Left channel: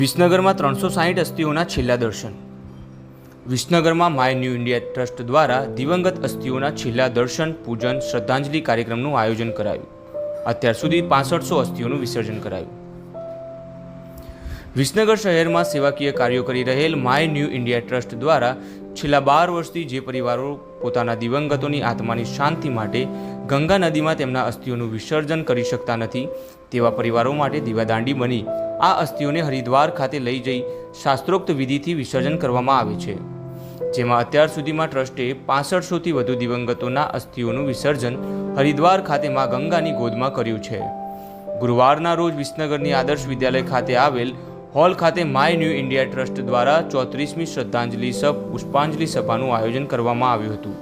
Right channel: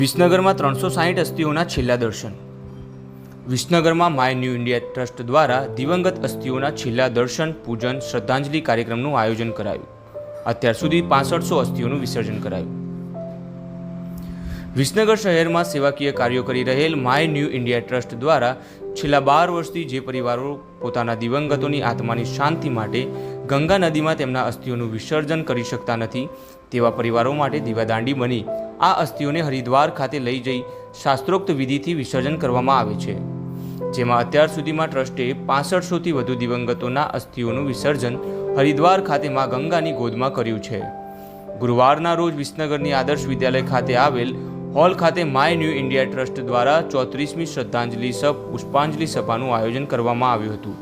વિસનગરમાં 360 અસ્થિઓના છેલ્લા દર્શન. વિસનગરમાં my new India trust દ્વારા દિવંગત અસ્થિઓના છેલ્લા દર્શન, પૂજન, શ્રદ્ધાંજલિ કાર્યક્રમનું આયોજન કરાયું. અત્યાર સુધી 6500 અસ્થિઓનું વિસર્જન કરાયું. વિસનગર શહેરમાં સેવાકીય કાર્યો કરી રહેલ માય ન્યૂ ઇન્ડિયા ટ્રસ્ટ દ્વારા છેલ્લા 12 વર્ષથી જે પરિવારો પોતાના દિવંગતોની આત્માની શાંતિ માટે ગંગા નદીમાં તેમના અસ્થિઓનું વિસર્જન કરી શકતા નથી તેવા પરિવારો માટે દીવાદાંડી બની આ અસ્થિઓને હરિદ્વાર ખાતે લઈ જઈ શાસ્ત્રોક્ત વિધિથી વિસર્જન કરવામાં આવે છે, જેમાં અત્યાર સુધીમાં ટ્રસ્ટે 6500થી વધુ દિવંગતોના અસ્થિઓનું વિસર્જન હરિદ્વાર ખાતે માં ગંગાની ગોદમાં કર્યું છે. ગુરુવારના રોજ વિસનગરની આદર્શ વિદ્યાલય ખાતે આવેલ હોલ ખાતે માય ન્યૂ ઇન્ડિયા ટ્રસ્ટ દ્વારા 34મી શ્રદ્ધાંજલિ પુષ્પાંજલિ સભાનું આયોજન કરવામાં આવ્યું હતું,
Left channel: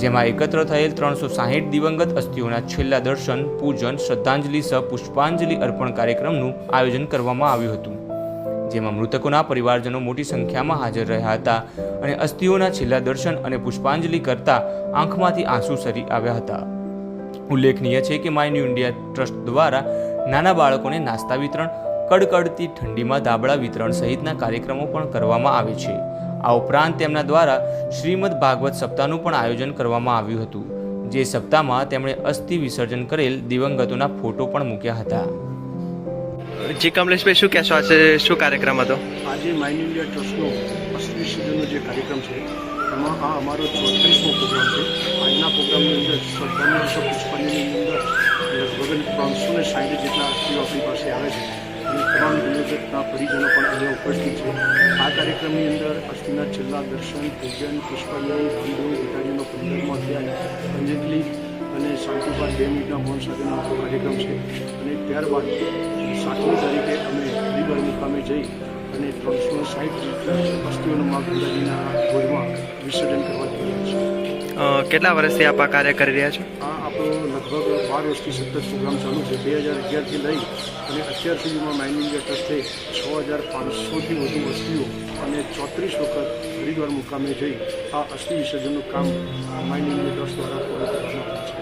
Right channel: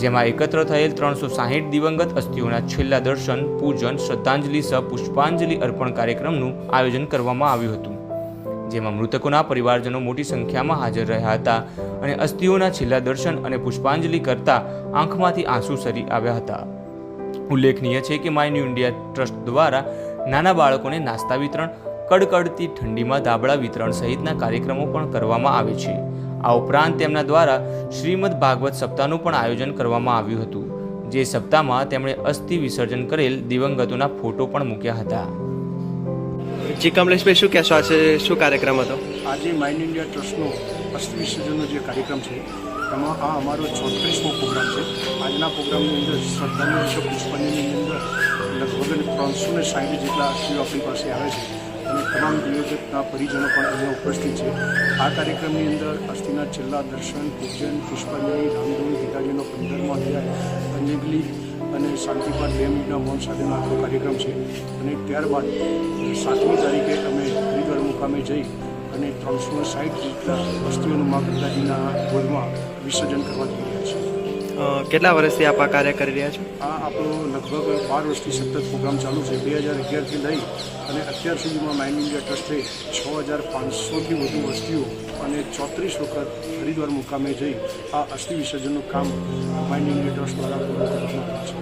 જેમાં એકત્ર થયેલ 360 દિવંગત અસ્થિઓના છેલ્લા દર્શન, પૂજન, શ્રદ્ધાંજલિ પુષ્પાંજલિ અર્પણ કાર્યક્રમનું આયોજન કરવામાં આવ્યું હતું, જેમાં મૃતકોના પરિવારજનો મોટી સંખ્યામાં હાજર રહ્યા હતા અને અસ્થિઓના છેલ્લા દર્શન અને પુષ્પાંજલિ કરતા આંખમાંથી આંસુ સરી આવ્યા હતા. ઉલ્લેખનીય છે કે માય ન્યૂ ઇન્ડિયા ટ્રસ્ટ દ્વારા નાના બાળકોને નાસ્તા વિતરણ, કડકડતી ઠંડીમાં ધાબળા વિતરણ સહિતના કાર્યક્રમો પણ કરવામાં આવે છે. આ ઉપરાંત તેમના દ્વારા શ્રીમદ ભાગવત સપ્તાહનું પણ આયોજન કરવામાં આવ્યું હતું, જે સપ્તાહમાં તેમણે અસ્થિ વિસર્જન કરેલ દિવંગતોના ફોટો પણ મૂક્યા હતા. જી કમલેશભાઈ, શું કહેશો? આજે શું કાર્યક્રમ હતો? આજે માય ન્યૂ ઇન્ડિયા ટ્રસ્ટનો અસ્થિ વિસર્જનનો જે કાર્યક્રમ છે એમાં આ અમારો 34મો પ્રોગ્રામ છે. આજના પ્રોગ્રામની અંદર શ્રદ્ધાંજલિ પુષ્પાંજલિની અંદર લગભગ 360 જેટલા અસ્થિઓ આપણી પાસે આવે છે અને તમામ દિવંગતના પરિજનો પણ અહીંયા ઉપસ્થિત છે. આ કાર્યક્રમની અંદર અસ્થિના છેલ્લા દર્શન, પૂજન, પુષ્પાંજલિ, રામદેવ પિતાજીનો 15મો અધ્યાય, અંજલિ અને શાંતિપાઠ 2 મિનિટના મૌન સાથેનો આખો કાર્યક્રમ છે. અને ત્યારબાદ 7મી તારીખે અમે હરિદ્વાર મુકામે જઈ અને 360 જેટલા અસ્થિઓનું મા ગંગાજીના ગોદમાં વિસર્જન કરવા જઈ રહ્યા છીએ. કેટલા વર્ષથી આપ આ કાર્ય કરી રહ્યા છો? આ આપણો લગભગ 12 વર્ષથી સતત પ્રોગ્રામ ચાલુ છે. 2011થી લઈ અને અત્યાર સુધીમાં માય ન્યૂ ઇન્ડિયા ટ્રસ્ટે 6500થી વધુ અસ્થિઓ અને 34 વખત હરિદ્વાર મુકામે જઈ આ અસ્થિ વિસર્જનનું કામ માય ન્યૂ ઇન્ડિયા ટ્રસ્ટ દ્વારા પૂરું કરવામાં આવ્યું છે.